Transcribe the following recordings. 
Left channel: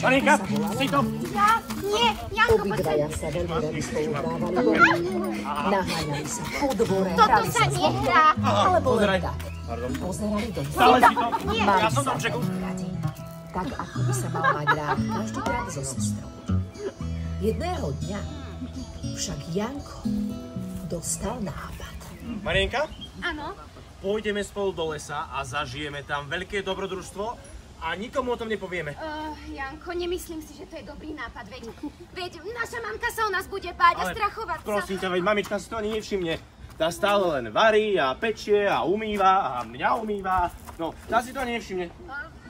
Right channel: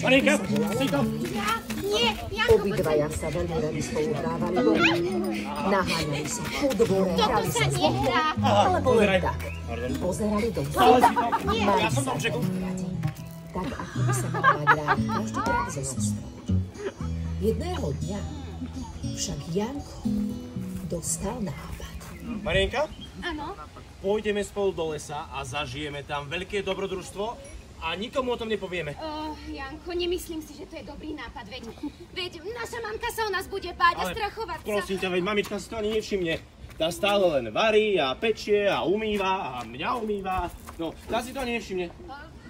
Marienka, si to? Ja? Nie, Janko, Obidvaja sa veľmi radi spoluprávali. Naháňali sa po dvore. toto sa nehrá. Alebo len Pozeraj. tak. Pardon. Pozerali do Stále si to? Nie. Ja som tam čekal. Tak ako by sa mal mať rád každý krát so sestrou. Jedného dňa však Janko dostal nápad. Marienka, Áno. pôjdeme spolu do lesa a zažijeme tam veľké dobrodružstvo a nikomu o tom nepovieme. Janko, nemyslím si, že to je dobrý nápad, veď naša mamka sa o nás bude báť a strachovať sa. Prosím ťa, veď mamička si to ani nevšimne. Tá stále len varí a pečie a umýva a mňa umýva. No, tá si to ani nevšimne.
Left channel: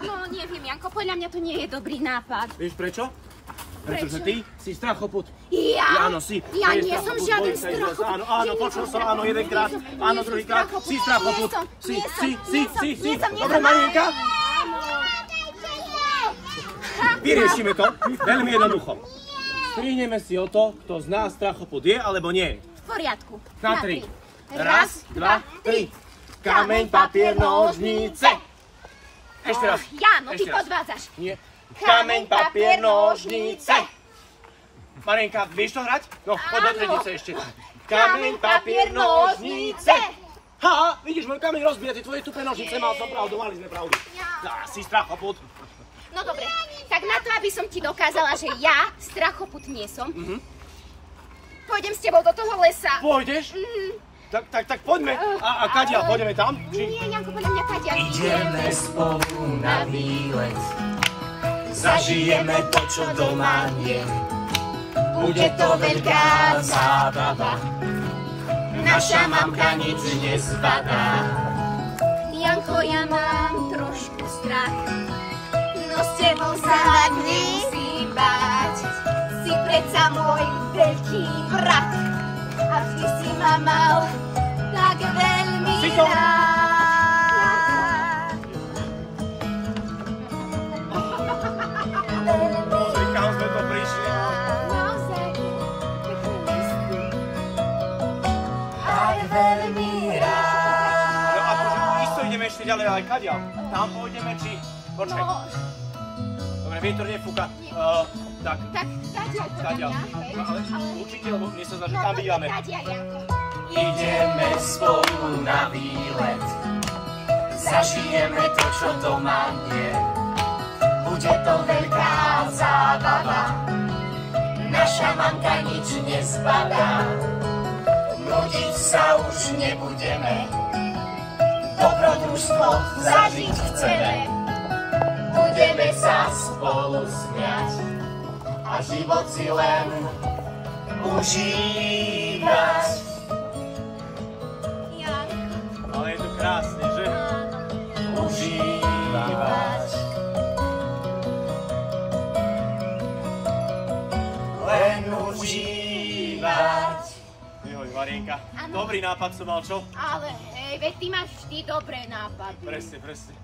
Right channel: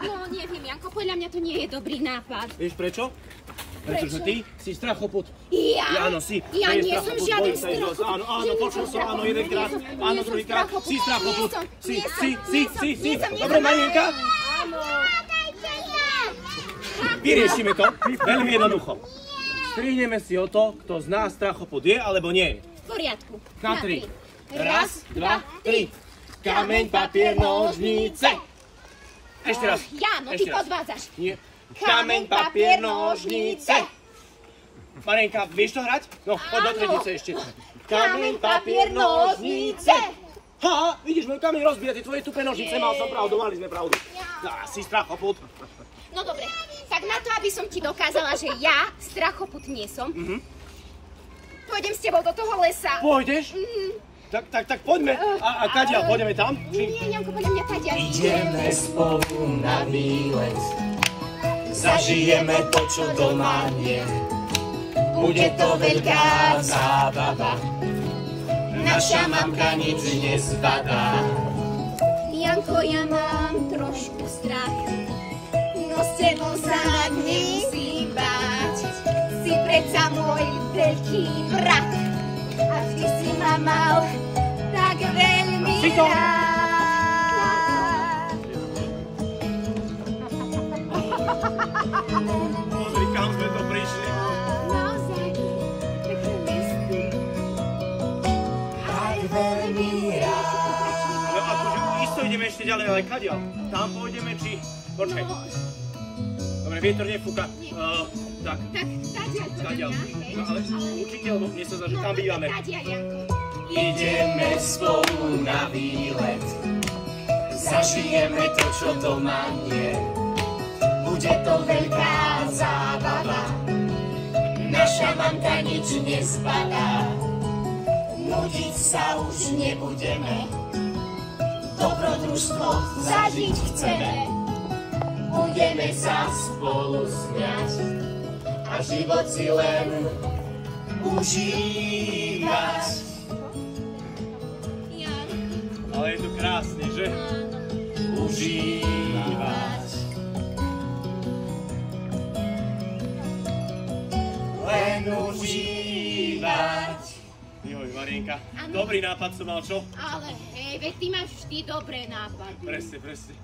No, neviem, Janko, podľa mňa to nie je dobrý nápad. Vieš prečo? Pretože ty si strachoput. Ja? Áno, si. Ja Ty nie som strachoput, žiaden bojím sa ísť do lesa. Áno, áno, počul som, áno, jedenkrát, áno, druhýkrát. Si strachoput. Si. Dobre, Marienka? Vyriešime to veľmi jednoducho. Strihneme si o to, kto z nás strachoput je, alebo nie. V poriadku. Na 3. Raz, dva, tri. Kameň, papier, nožnice. Ešte raz. Jáno, ty Ešte raz. podvádzaš. Nie. Kameň, papier, nožnice. Marienka, vieš to hrať? No, poď do triednice ešte. Kameň, papier, nožnice. Ha, vidíš, môj kameň rozbíja, tie tvoje tupé nožnice, mal som pravdu, mali sme pravdu. Si strachoput. No dobre, tak na to, aby som ti dokázala, že ja strachoput nie som, pôjdem s tebou do toho lesa. Pôjdeš? Tak poďme. A kadiaľ, pôjdeme tam? Nie, Janko, podľa mňa kadiaľ. Ideme spolu na výlet, zažijeme to, čo doma je. Bude to veľká zábava, naša mamka nič nezbadá. Janko, ja mám trošku strach, no s tebou sa nemusím báť. Si predsa môj veľký brat a vždy si ma mal tak veľmi rád. Kam sme to prišli? Aj veľmi rád. No akože isto ideme ešte ďalej, ale kadiaľ? Tam pôjdeme, či... Počkaj. Dobre, vietor nefúka. Tak, kadiaľ. No, ale určite, lebo mne sa zdá, že tam bývame. Ideme spolu na výlet, zažijeme to, čo doma je. Bude to veľká zábava, naša mamka nič nezbadá. Nudiť sa už nebudeme, dobrodružstvo zažiť chceme. Budeme sa spolu smiať a život si len užívať. Ale je to krásne, že? Užívať. Len užívať. Joj, Marienka, dobrý nápad som mal, čo? Ale hej, veď ty máš vždy dobré nápady. Presne.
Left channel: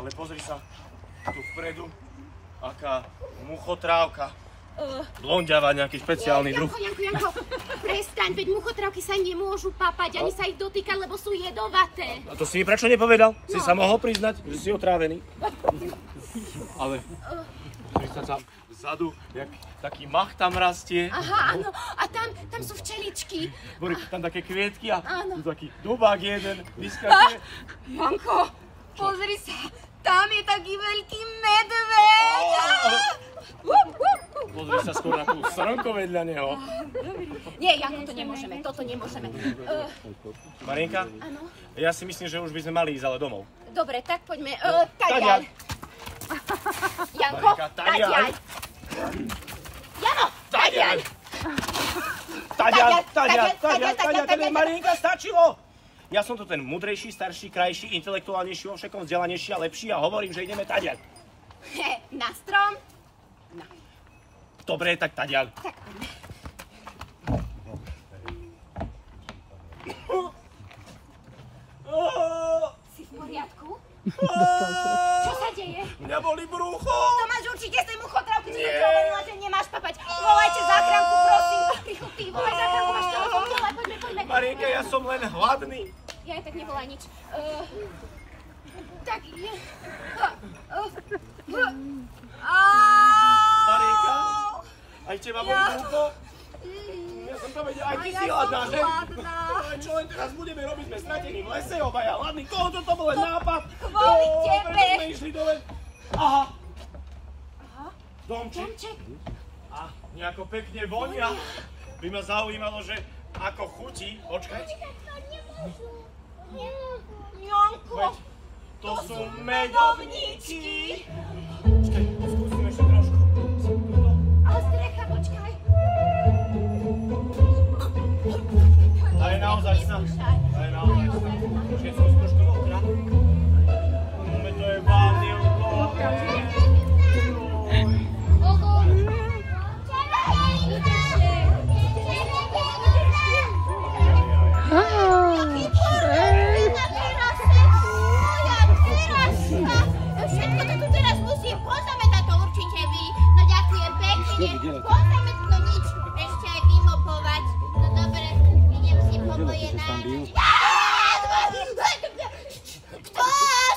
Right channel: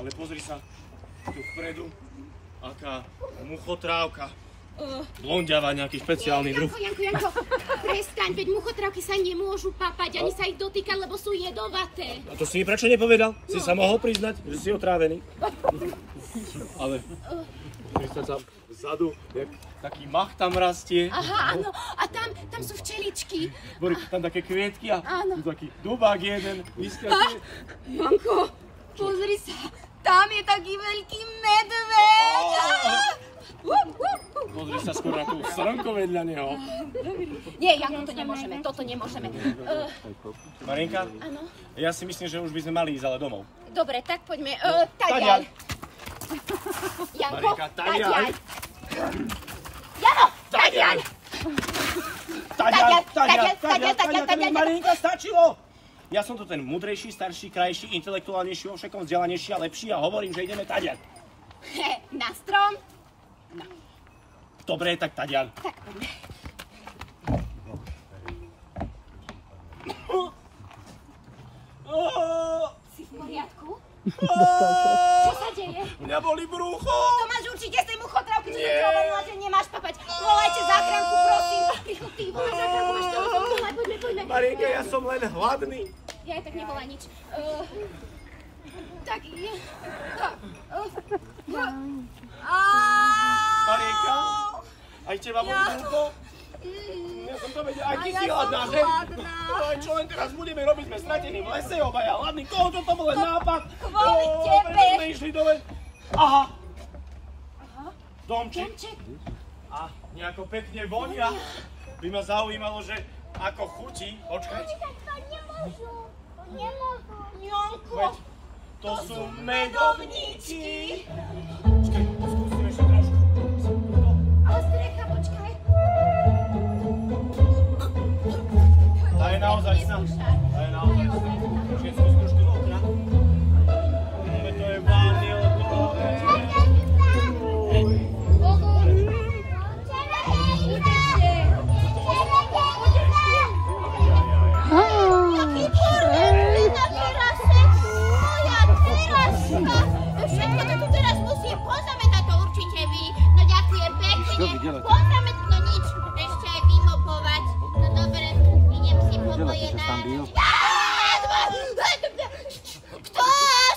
Ale pozri sa, tu vpredu, aká muchotrávka. Blondiava, nejaký špeciálny druh. Janko, prestaň, veď muchotrávky sa nemôžu papať, ani sa ich dotýkať, lebo sú jedovaté. A to si mi prečo nepovedal? Si sa mohol priznať, že si otrávený. Ale myslím sa vzadu, jak taký mach tam rastie. Aha, áno, a tam sú včeličky. Boli tam také kvietky a Áno. tu taký dubák jeden, vyskakuje. Janko, pozri sa, tam je taký veľký medveď. Pozri sa skôr na tú srnko vedľa neho. Nie, Janko, to nemôžeme, toto nemôžeme. Marienka? Áno. Ja si myslím, že už by sme mali ísť ale domov. Dobre, tak poďme. Tadiaľ. Janko, Marienka, tadiaľ. Jano, Tadiaľ. Tadiaľ. Marienka, stačilo. Ja som tu ten mudrejší, starší, krajší, intelektuálnejší, vo všetkom vzdelanejší a lepší a hovorím, že ideme tadiaľ. Na strom. No. Dobre, tak tadiaľ. Tak poďme. Si v poriadku? Čo sa deje? Mňa boli brucho. To máš určite z tej muchotrávky, čo som hovorila, že nemáš papať. Volajte záchranku, prosím. Rýchlo, ty, volaj záchranku, máš telefón, volaj, poďme. Marienka, ja som len hladný. Ja aj tak nevolaj nič. Tak je. Marienka, aj teba boli hlúpo? Ja som to vedel, aj ty si hladná, že? Čo len teraz budeme robiť, sme stratení v lese, obaja hladní. Koho to bol len nápad? Kvôli tebe. Prečo sme išli dole? Aha. Domček. A nejako pekne vonia. By ma zaujímalo, že ako chutí. Počkaj. Janko. Veď, to sú medovníčky. Počkaj, skúsim ešte trošku. Ostrecha, počkaj. Tá je naozaj sná. Tá je naozaj sná. Počkaj, skúsim trošku do okna. To je vážne odložené. Všetko to tu teraz musím pozametať, to určite vy. No ďakujem pekne. Pozametať, no nič. Ešte aj vymopovať. No dobre, idem si po moje náročky. Kto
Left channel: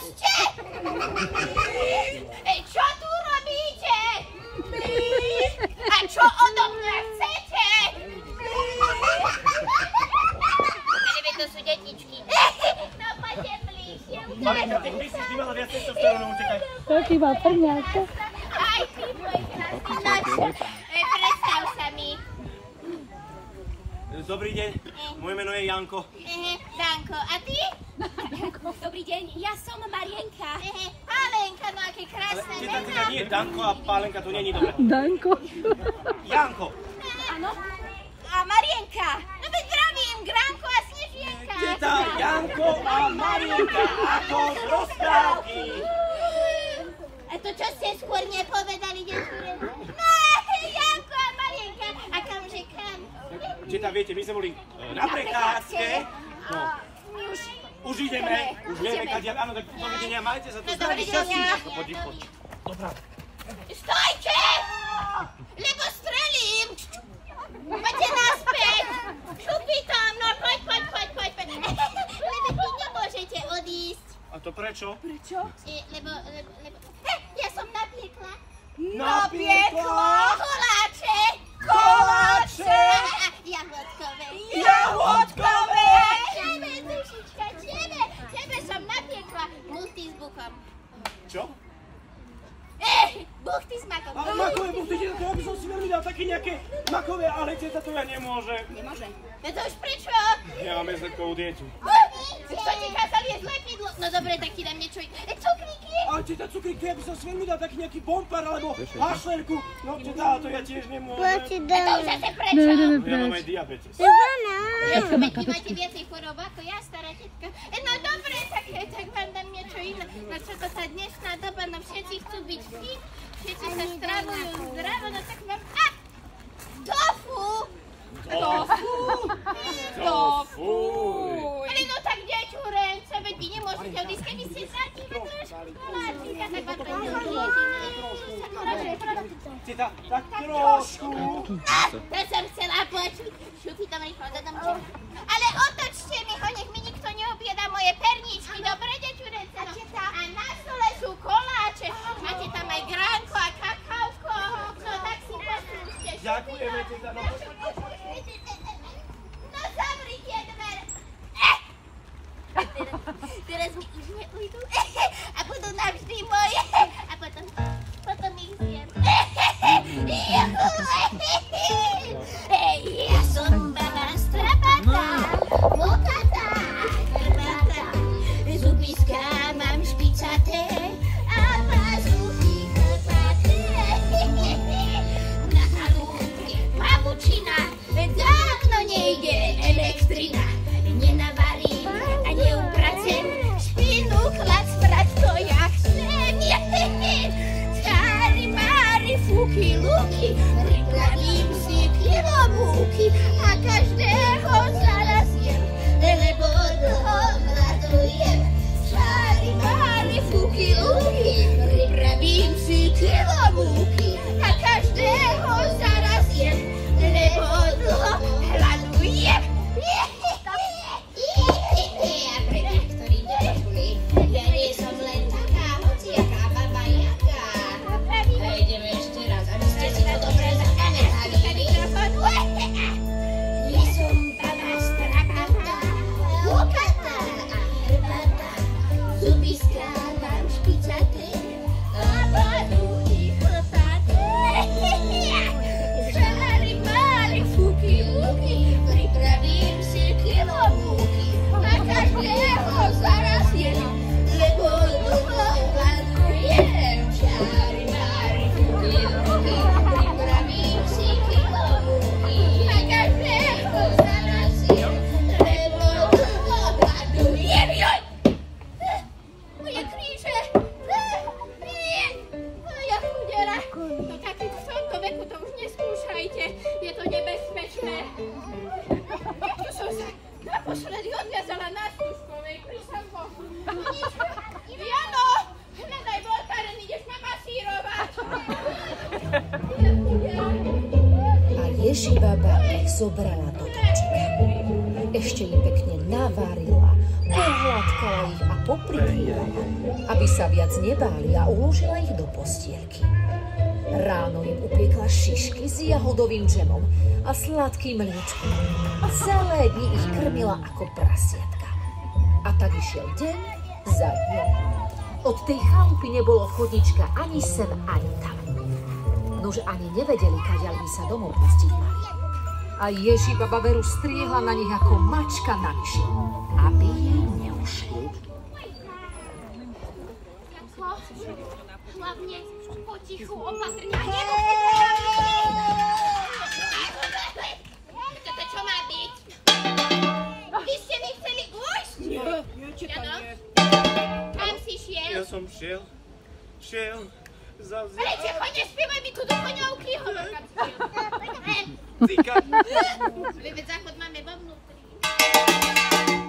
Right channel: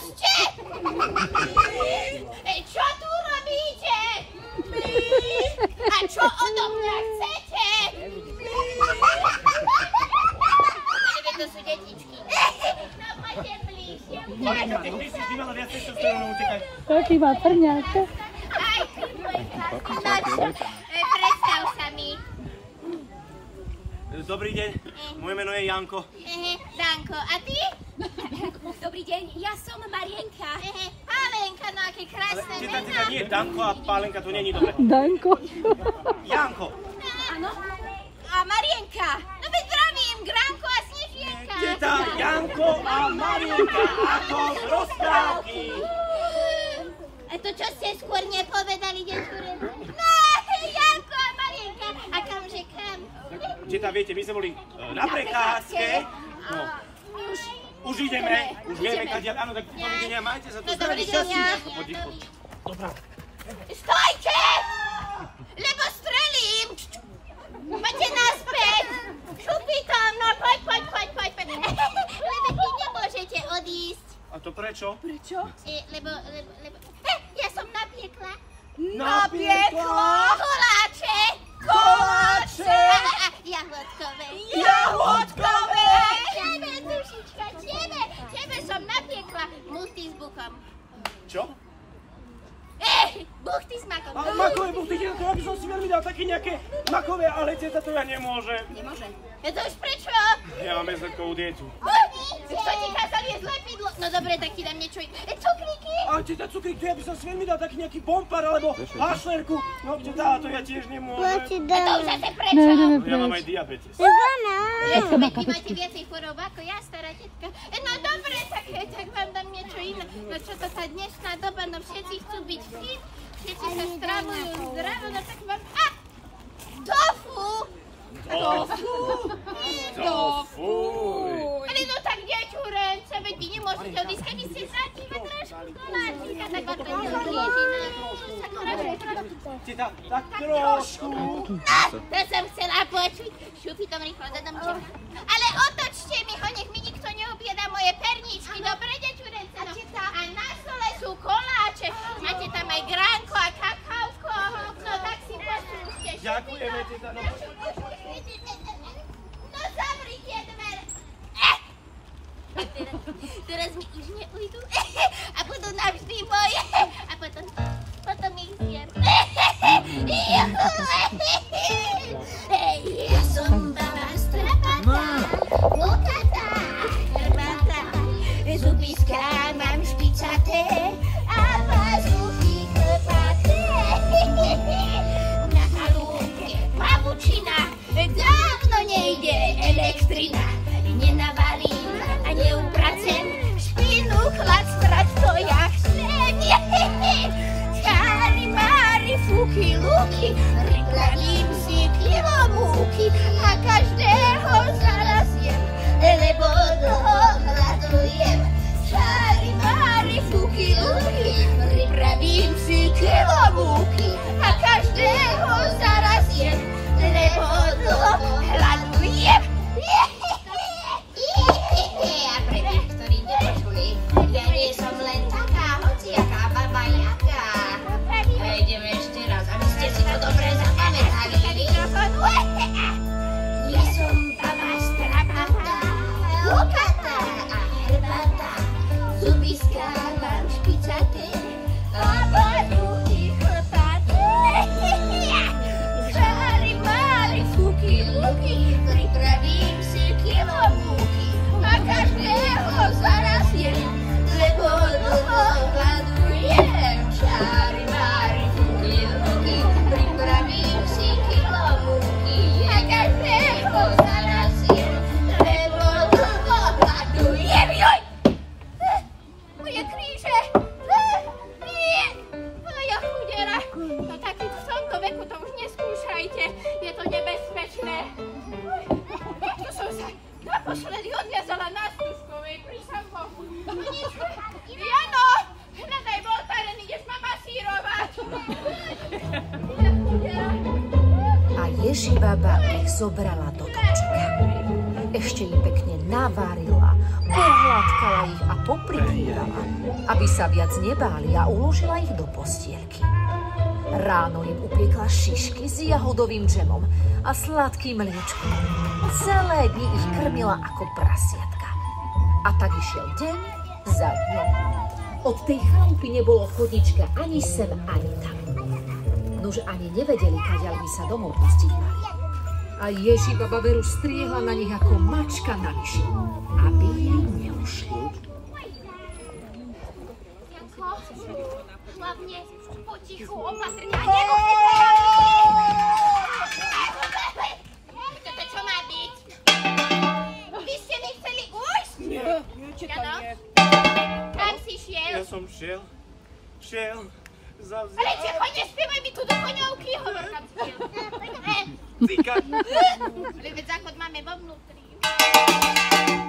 ste? Čo tu robíte? A čo odo mňa chcete? Ale to sú detičky. No poďte bližšie. Marienka, ty myslíš, ty mala viac testosterónu, utekaj. Taký má trňáka. Aj ty, môj krásny. Predstav sa mi. Dobrý deň, moje meno je Janko. Danko, a ty? Dobrý deň, ja som Marienka. Pálenka, no aké krásne Ale mená. nie, Danko a Pálenka, to není dobre. Danko. Janko. Áno. A Marienka. No veď zdravím, Gránko a Snežienka. Teta, Janko a Marienka ako z rozprávky. A to čo ste skôr nepovedali, desúre? No, Janko a Marienka. A kamže kam? Teta, viete, my sme boli na prechádzke. No, My už ideme, už vieme, kadia. Áno, tak dovidenia, majte sa tu No, zdraví, dovidenia. šťastí. Poď. Dobrá. Stojte! Lebo strelím! Poďte naspäť! Šupikom, no poď. Lebo vy nemôžete odísť. A to prečo? Lebo... Ja som napiekla. Napiekla? Koláče! Jahodkové. Tebe, dušička, tebe som napiekla buchty s buchom. Čo? Buchty s makom. Ale makové buchty, to ja by som si veľmi dal také nejaké makové, ale teta to ja nemôžem. Nemôže. To už prečo? Ja mám bezletkovú dietu. Kto ti kázal jesť lepidlo? No dobre, tak ti dám niečo. Cukríky? Ale teta, cukrík, to ja by som si veľmi dal taký nejaký bompar alebo hašlerku. No teta, to ja tiež nemôžem. A to už zase prečo? Ja mám aj diabetes. Veď vy máte viacej chorób ako ja, stará tetka. No dobre, tak vám dám niečo iné. No čo to tá dnešná doba, no všetci chcú byť fit, všetci sa stravujú zdravo, no tak vám... Tofu! Ale no tak ďačurence, veď vy nemôžete odísť, keby ste zratili trošku koláčika, tak vám to neodíži, no. Teta, tak trošku. To som chcela počuť. Šupi tam rýchlo do domčeka. Ale otočte mi ho, nech mi nikto neobjeda moje perničky, dobre, ďačurence, no. A na stole sú koláče, máte tam aj gránko a kakausko, no tak si poslúžte. Ďakujeme, teta, no No zavri tie dvere. Teraz mi už neujdu a budú navždy moje. A potom ich zjem. Ja som baba strapatá, mokatá, krmatá, zubiska mám špicaté a pazuchy chlpaté. Na halúbke pavučina, dávno nejde elektrina. Nenavalím a neupracem, špinu chlad strať to ja chcem. No taký v tomto veku to už neskúšajte. Je to nebezpečné. Tu som sa naposledy odviazala na Stužkovej pri Samkochu. Jano, hľadaj voltaren, ideš ma masírovať. A Ježibaba ich zobrala do kočika. Ešte im pekne navarila, pohľadkala ich a poprikrývala, aby sa viac nebáli a uložila ich do postielky. Ráno im upiekla šišky s jahodovým džemom a sladkým mliečkom. Celé dni ich krmila ako prasiatka. A tak išiel deň za dňom. Od tej chalupy nebolo chodnička ani sem, ani tam. Nože ani nevedeli, kadiaľ by sa domov pustiť mali. A Ježibaba veru striehla na nich ako mačka na myši, aby jej neušli. Hlavne potichu, opatrne. Toto čo má byť? Vy ste mi chceli ujsť? Nie, tam nie. Kam si šiel? Ja som šiel za Rečie, choďte, spievaj mi tu do koňovky. Hovor, kam si šiel. Zika. Veď záchod máme vo vnútri.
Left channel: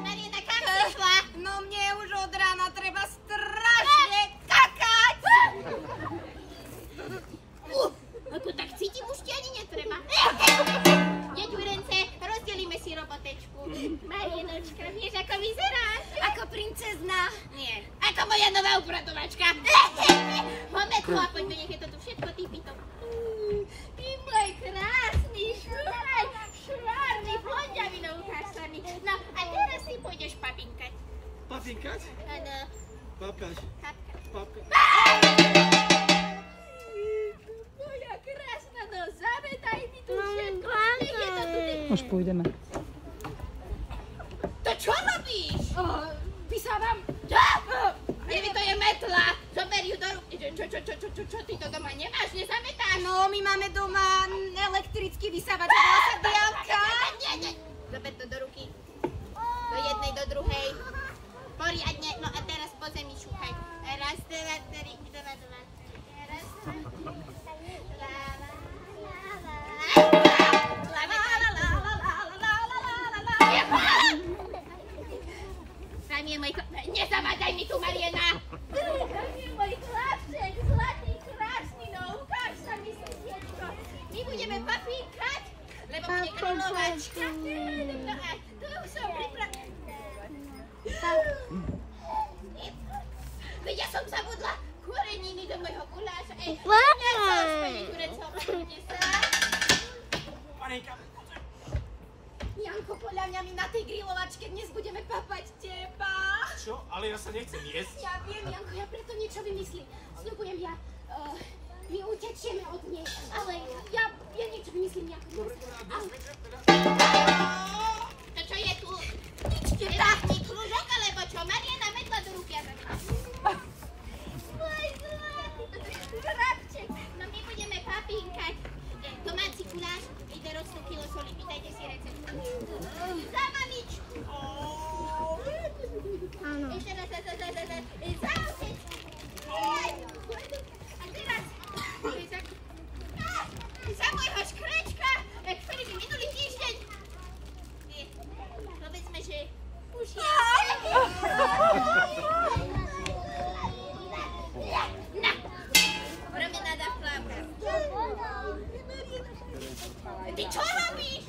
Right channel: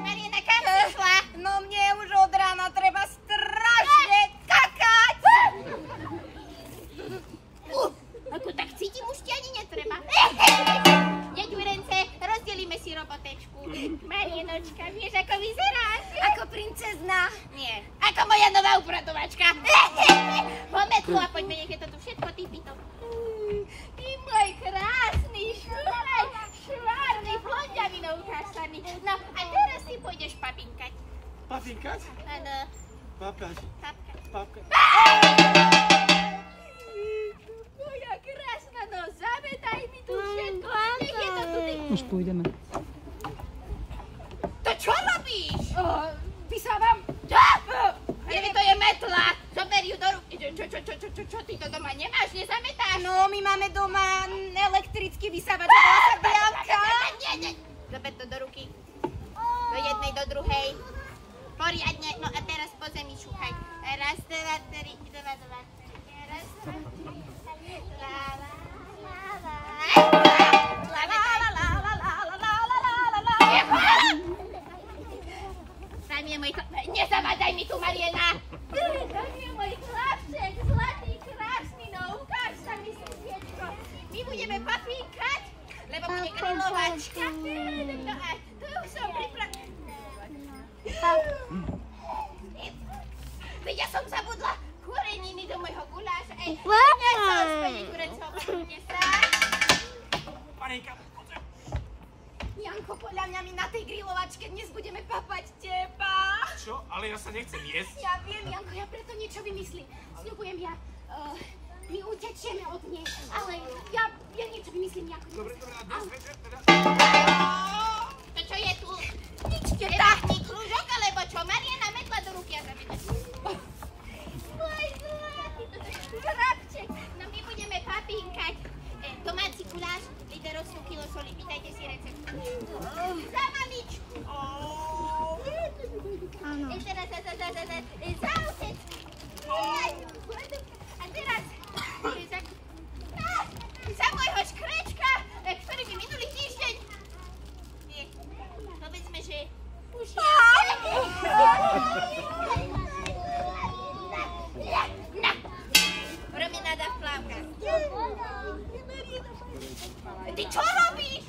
Mariana, kam si šla? No mne už od rána treba strašne kakať. Ako tak cítim, už ti ani netreba. Deďu Rence, rozdelíme si robotečku. Marianočka, vieš, ako vyzeráš? Ako princezna. Nie. Ako moja nová upratovačka. Poďme tu a poďme, nech je to tu všetko typito. Ty môj krásny švárny, blondiavinou ukážsaný. No a teraz si pôjdeš papinkať. Papinkať? Áno. Papkať. Papkať. Moja krásna, no zavedaj mi tu všetko. Nech je to tu typito. Už pôjdeme. To čo robíš? Vysávam. Evi, to je metla. Zober ju do ruky. Čo ty to doma nemáš? Nezametáš? No, my máme doma elektrický vysávač. Volá sa Bianka. Nie. Zober to do ruky. Do jednej, do druhej. Poriadne. No a teraz po zemi šúchaj. Raz, dva, tri. Raz, dva, tri. Raz, dva, tri. Tam je môj chlapček. Nezavádzaj mi tu, Mariana. Tam je môj chlapček. Zlatý, krásny, no ukáž sa mi, sestiečko. My budeme papíkať, lebo bude grilovačka. No a tu už som Veď ja som zabudla koreniny do môjho guláša. Ej, nesol, spojne kurecov. Panika. Janko, podľa mňa my na tej grilovačke dnes budeme papať teba. Čo? Ale ja sa nechcem jesť. Ja viem, Janko, ja preto niečo vymyslím. Sľubujem, my utečieme od nej, ale ja niečo vymyslím, Janko. Dobre, a dnes večer teda? To čo je tu? Ničke, táhni krúžok, alebo čo? Mariana, metla do ruky a zavedaj. Môj zlatý, chrapček. No my budeme papínkať. Domáci guláš, ide rostnú kilo soli, pýtajte si recept. Za mamičku. Áno. Teraz za otec. A teraz za môjho škrečka, ktorý mi minulý týždeň. Povedzme, že už je. Na. Promenáda v plavkách. Ty čo robíš?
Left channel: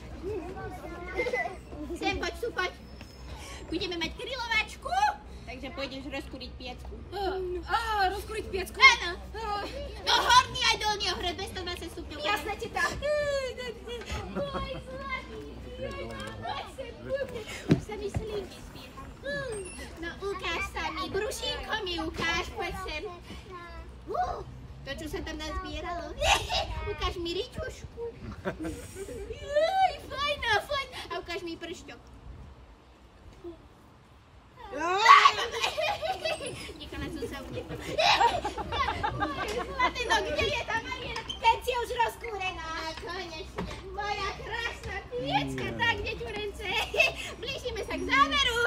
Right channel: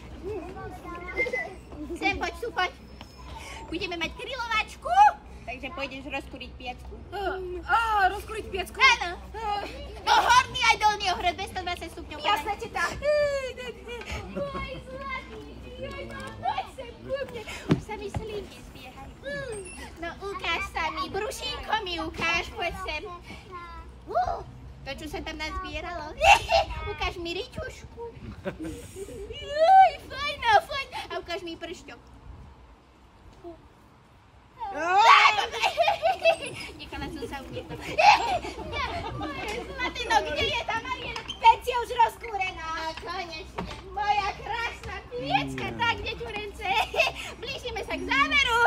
Sem, poď, tu, poď. Budeme mať grilovačku, takže pôjdeš rozkúriť piecku. Rozkúriť piecku? Áno. No horný aj dolný ohrad, 220 stupňov. Jasné, teta. Môj zlatý. Poď sem, poďme. Už sa mi slínky zbiehajú. No ukáž sa mi, brušínko mi ukáž, poď sem. To, čo sa tam nazbieralo. Ukáž mi ričušku. Fajn. A ukáž mi pršťok. Nechala som sa uniesť. Zlatý, no kde je tá Mariana? Veď je už rozkúrená. Konečne. Moja krásna piecka. Tak, deťu Rence. Blížime sa k záveru.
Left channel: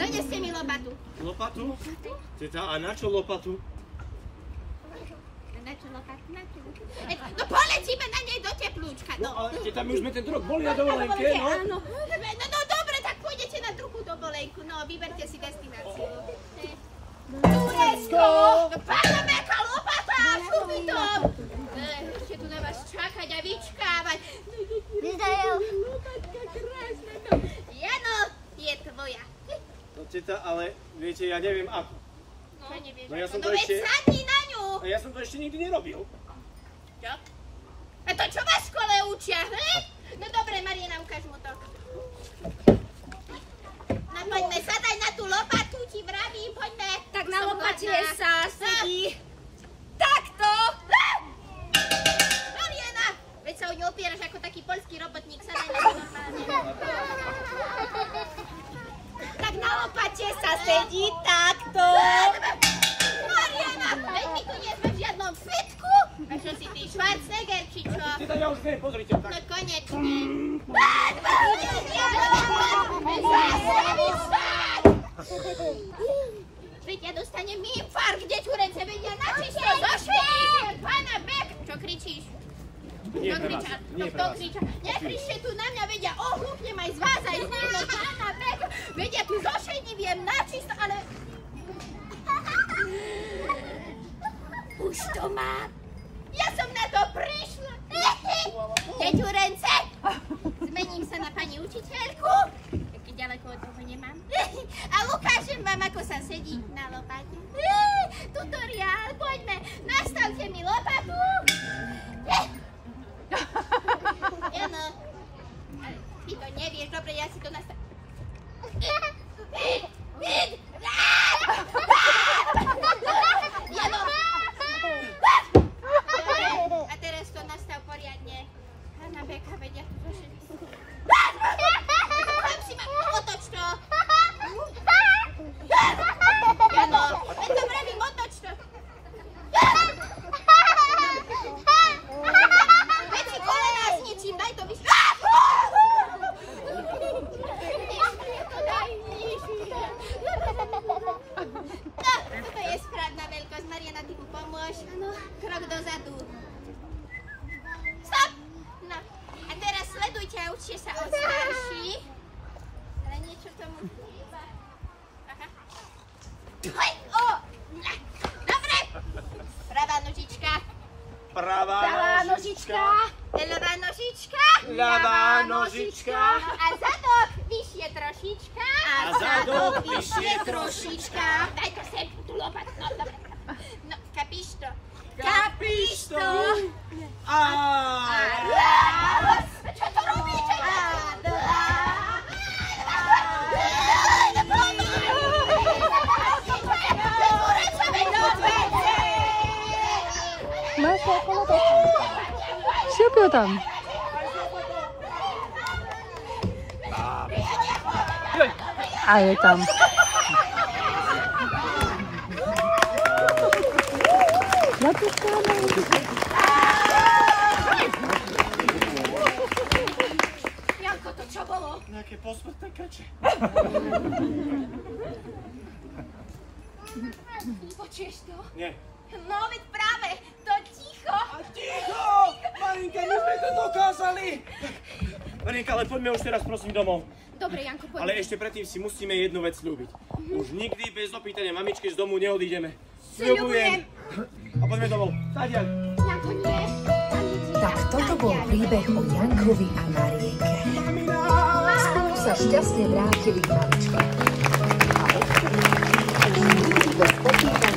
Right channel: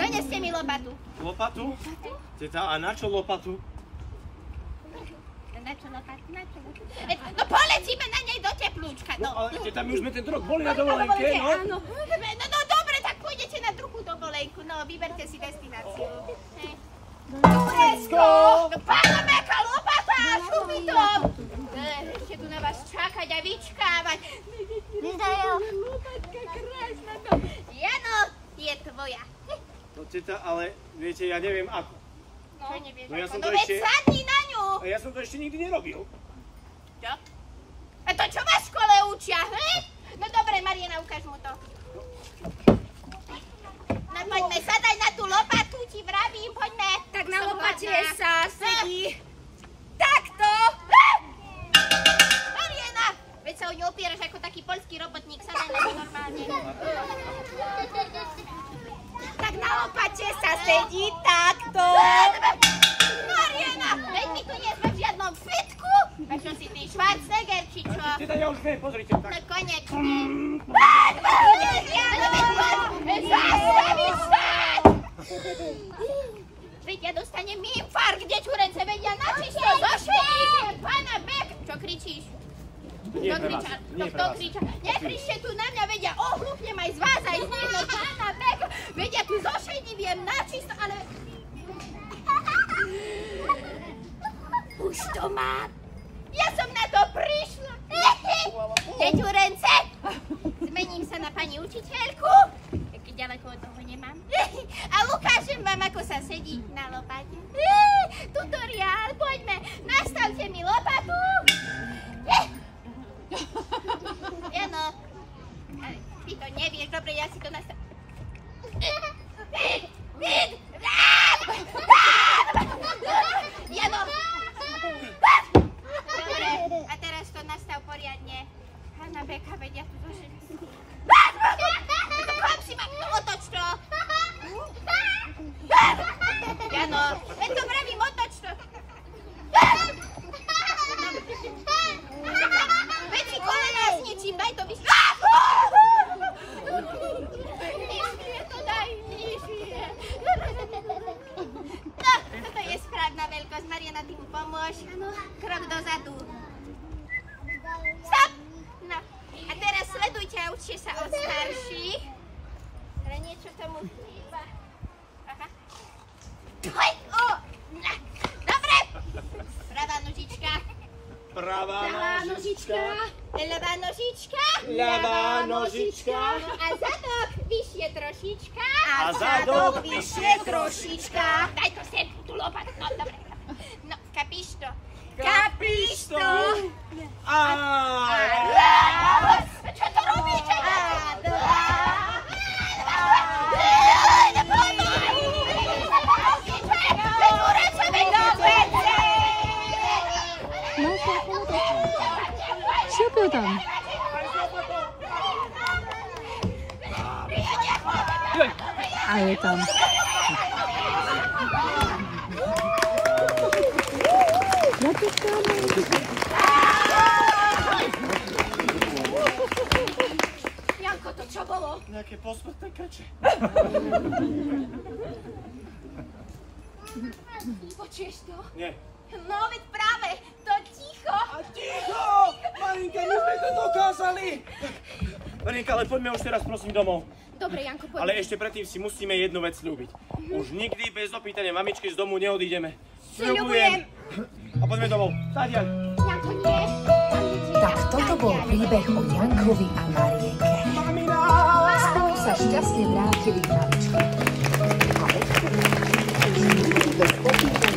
Doneste mi lopatu. Lopatu? Teta, a na čo lopatu? Na čo lopatku? No poletíme na nej do teplúčka, no. No ale tam už sme tento rok boli na dovolenke, no. Áno. No dobre, tak pôjdete na druhú dovolenku, no vyberte si destináciu. Turecko! Pána Beka, lopata, šubitom! Ešte tu na vás čakať a vyčkávať. Lopatka krásna. Jano, je tvoja. No teta, ale viete, ja neviem ako. No, nevieš No ja ako. som to veď ešte... sadni na ňu. A ja som to ešte nikdy nerobil. Čo? A to čo vás v škole učia, hej? No dobre, Mariana, ukáž mu to. No poďme, sadaj na tú lopatu, ti vravím, poďme. Tak na lopate sa sedí. Takto. Mariana, veď sa o ňu opieraš ako taký poľský robotník, sadaj na lopate. Tak na lopate sa sedí takto. Mariana, veď my tu nie sme v žiadnom fitku. A čo si ty, Schwarzenegger, či čo? Teta, ja už viem, pozrite. No konečne. Veď ja dostanem infarkt, dečurence, veď ja načisto zošetím pána Bek. Čo kričíš? Nie pre vás, nie pre vás. Nekričte tu na mňa, veď ja ohlúpnem aj z vás, aj z neho pána Bek. Veď ja tu zošetím načisto, ale... Už to mám. Ja som na to prišla. Deťurence, zmením sa na pani učiteľku, keď ďaleko od toho nemám. A ukážem vám, ako sa sedí na lopate. Tutoriál, poďme, nastavte mi lopatu. Jano, ty to nevieš, dobre, ja si to nastavím. Jano! Dobre, a teraz to nastav poriadne. Hanna Beka, veď ja tu zošetím. Chám si ma, otoč to. Jano, veď to vravím, otoč to. Veď si kolena zničím, daj to vyššie. Nižšie to daj, nižšie. No, toto je správna veľkosť. Mariana, ty mu pomôž. Krok dozadu. Stop! No, a teraz sledujte a učte sa od starších. Ale niečo tomu chýba. Aha. O! Dobre! Pravá nožička. Pravá nožička. Ľavá nožička. Ľavá nožička. No a zadok vyššie trošička. A zadok vyššie trošička. Daj to sem, tú lopatu. No, dobre. No, kapíš to? Kapíš to? A raz. Čo to robíte? A dva. Siupiu tam. A je tam. Janko, to čo bolo? nejaké posmrtné krče. Počuješ to? Nie. No, veď práve, to ticho. A ticho! Marinka, my sme to dokázali! Marinka, ale poďme už teraz prosím domov. Dobre, Janko, poďme. Ale ešte predtým si musíme jednu vec sľúbiť. Už nikdy bez opýtania mamičky z domu neodídeme. Sľubujem. A poďme domov. Tadiaľ. Janko, nie. Tak toto bol príbeh o Jankovi a Marienke. Spolu sa šťastne vrátili k mamičke. A odtedy bez opýtania.